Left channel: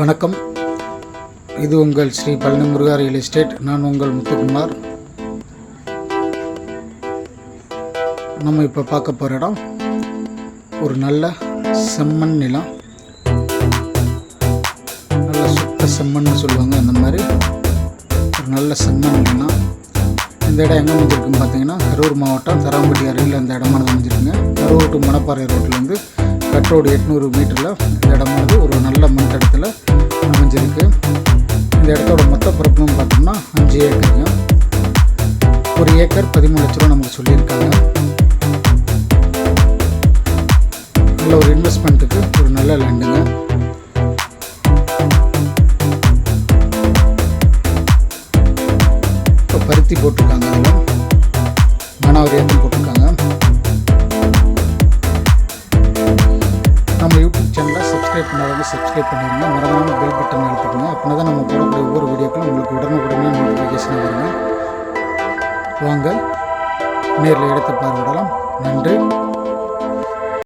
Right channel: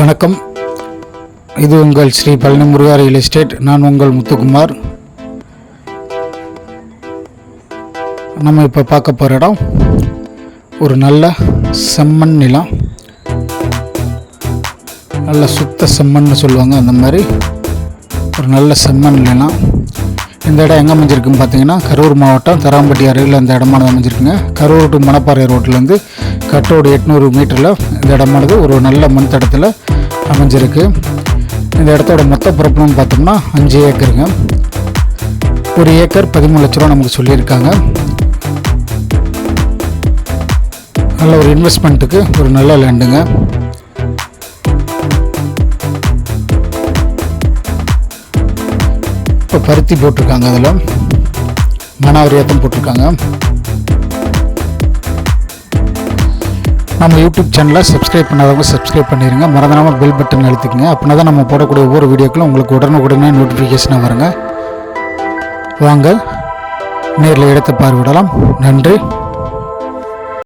வணக்கம். இது உங்கள் ஸ்ரீ பழனி முருகா ரியல் எஸ்டேட். நான் உங்கள் முத்துக்குமார். நம்ம இப்போ பார்க்க போகிற இடம் ஒரு நல்ல செம்மண் நிலம். நல்ல சுத்த செம்மண்ணு சொல்லுவாங்க, அந்த மாதிரி ஒரு நல்ல செம்மண் நிலம். இந்த இடம் எங்கே அமைஞ்சிருக்குன்னு பார்த்தீங்கன்னா, கரூர் மாவட்டம் தராம்பட்டி அருகில் இந்த இடமானது அமைஞ்சிருக்குங்க. கரூர் டு மணப்பாறை ரோட்லேருந்து கட்டோடு 800 மீட்டரில் இந்த இடமானது ஒரு நல்ல மண் தடத்தில் அமைஞ்சிருக்கு. இந்த இடத்தோட மொத்த பரப்புன்னு பார்த்தோம்னா 5 ஏக்கருங்க. ஒரு ஏக்கர் 13 லட்ச ரூபா நமக்கு சொல்லியிருக்காங்க. நல்ல ஒரு இன்வெஸ்ட்மெண்ட்டுக்கு ஒரு நல்ல லேண்டுங்க. இப்போ பருத்தி போட்டிருக்காங்க, அதில் மனாவரியாத்தம் போட்டிருக்காங்க. நம்ம யூடியூப் சேனலை சப்ஸ்கிரைப் பண்ணாதவங்க சப்ஸ்கிரைப் பண்ணிடுங்க. மறந்துடாமல் பெல் பட்டன் அழுத்திக்கங்க. அப்படின்னா தான் நம்ம போடக்கூடிய ஒவ்வொரு வீடியோக்களும் உங்களுக்கு உடனே நோட்டிஃபிகேஷனாக வருங்க. வாங்க நேரில் இடத்தை பார்வையிடலாம். நன்றி.